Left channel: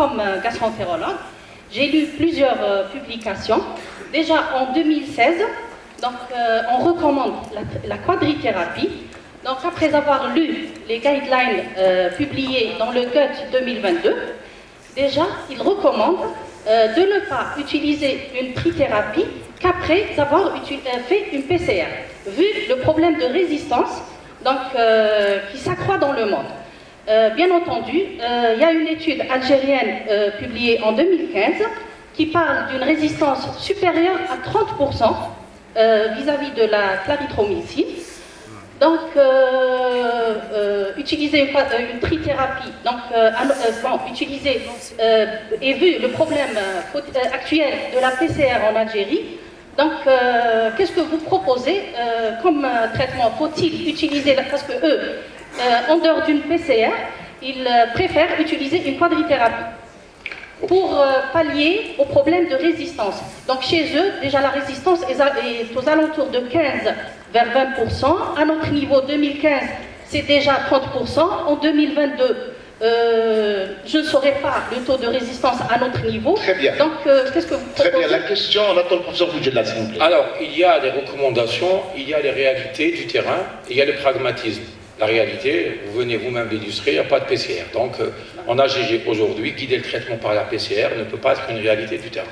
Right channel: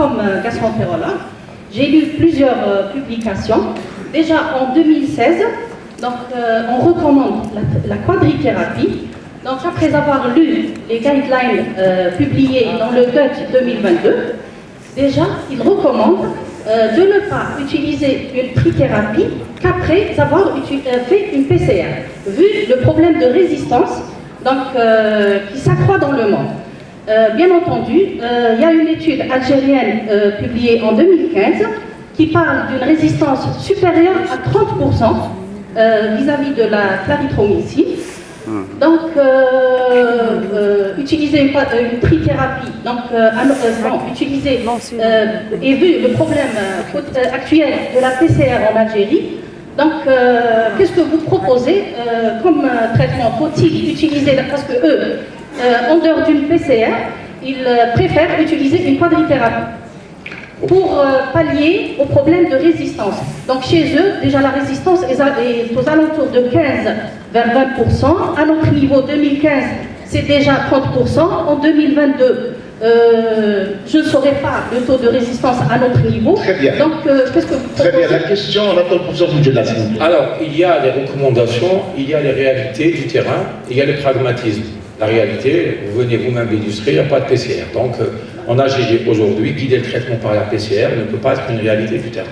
comme gastroentérologue, j'ai lu plusieurs publications. Déjà en 2016, donc, on recommande la quadrithérapie. Donc après avoir lu les guidelines publiés dans le GUT 2022, déjà il recommande de ne pas utiliser une trithérapie qu'après avoir fait une PCR, vu le problème de résistance donc, qui s'accroît dans le monde. Bien entendu, il y a une étude algérienne publiée en 2015 qui parle d'une résistance supérieure à 30% vis-à-vis de la clarithromycine. Donc, utiliser une trithérapie, donc, utiliser, et vu le problème actuel de la PCR en Algérie, donc, qu'est-ce que vous proposez comme traitement? Faut-il utiliser, parce que eux, en dehors d'une PCR, ils préfèrent utiliser une quadrithérapie pour pallier au problème de résistance. Donc chez eux, déjà la résistance est aux alentours de 15 vers 20%. À notre niveau 2015, c'est déjà 30%. En 2022, je ne saurais pas le taux de résistance à notre niveau. Très bien. Donc qu'est-ce que vous proposez? Très bien, la question, on attend le professeur Boudjelal. Alors, il y a les recommandations, il y a les réalités du terrain, il y a le pragmatisme. La réalité, vous venez vous-même l'illustrer, il n'y a pas de PCR. Donc, en AGG aujourd'hui, guider le traitement par la PCR ne peut pas être une réalité du terrain.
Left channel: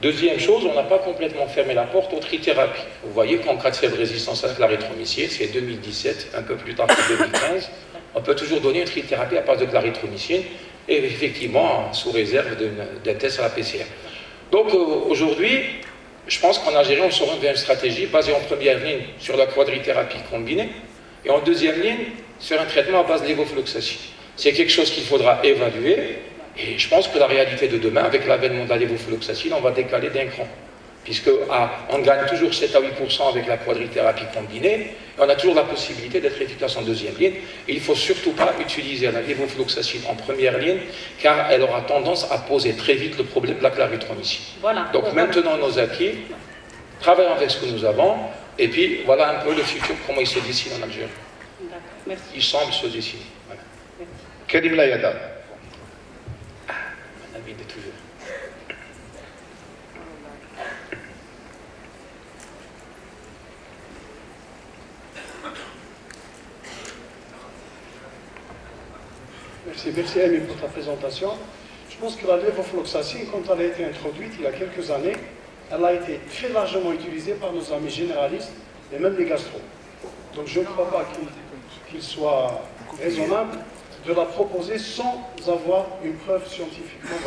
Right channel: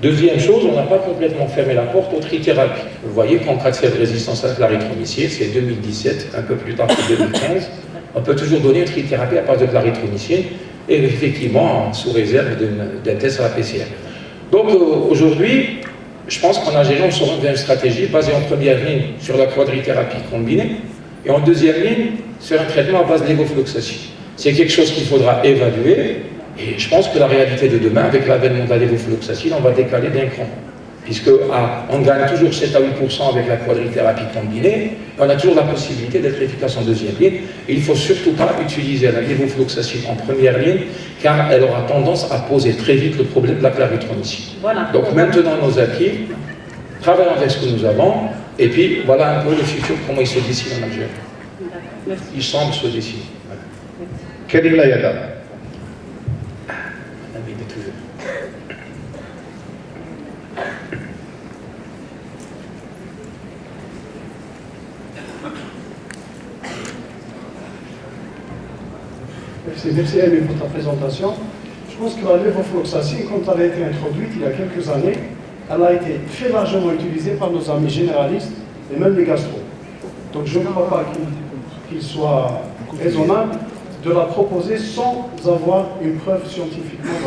Deuxième chose, on n'a pas complètement fermé la porte aux trithérapies. Vous voyez qu'en cas de résistance à la clarithromycine, c'est 2017, un peu plus tard que 2015, on peut toujours donner une trithérapie à partir de clarithromycine, et effectivement, sous réserve d'un test à la PCR. Donc, aujourd'hui, je pense qu'en AGG, on s'oriente vers une stratégie basée en première ligne sur la quadrithérapie combinée, et en deuxième ligne, sur un traitement à base de lévofloxacine. C'est quelque chose qu'il faudra évaluer, et je pense que la réalité de demain, avec l'avènement de la lévofloxacine, on va décaler d'un cran. Puisque on gagne toujours 7 à 8% avec la quadrithérapie combinée, et on a toujours la possibilité d'être efficace en deuxième ligne. Et il ne faut surtout pas utiliser la lévofloxacine en première ligne, car elle aura tendance à poser très vite le problème de la clarithromycine. Voilà. Donc maintenant nos acquis, travaillons avec ce que nous avons, et puis voilà un peu le futur, comment il se dessine en Algérie. Merci. Il semble se dessiner. Voilà. Karim Layada. Un ami de toujours. Merci Amy pour ta présentation. Je pense que la lévofloxacine, quand elle a été introduite il y a quelques années, elle a été très largement utilisée par nos amis généralistes et même les gastro. Donc je ne crois pas qu'il soit raisonnable de la proposer sans avoir une preuve scientifiquement.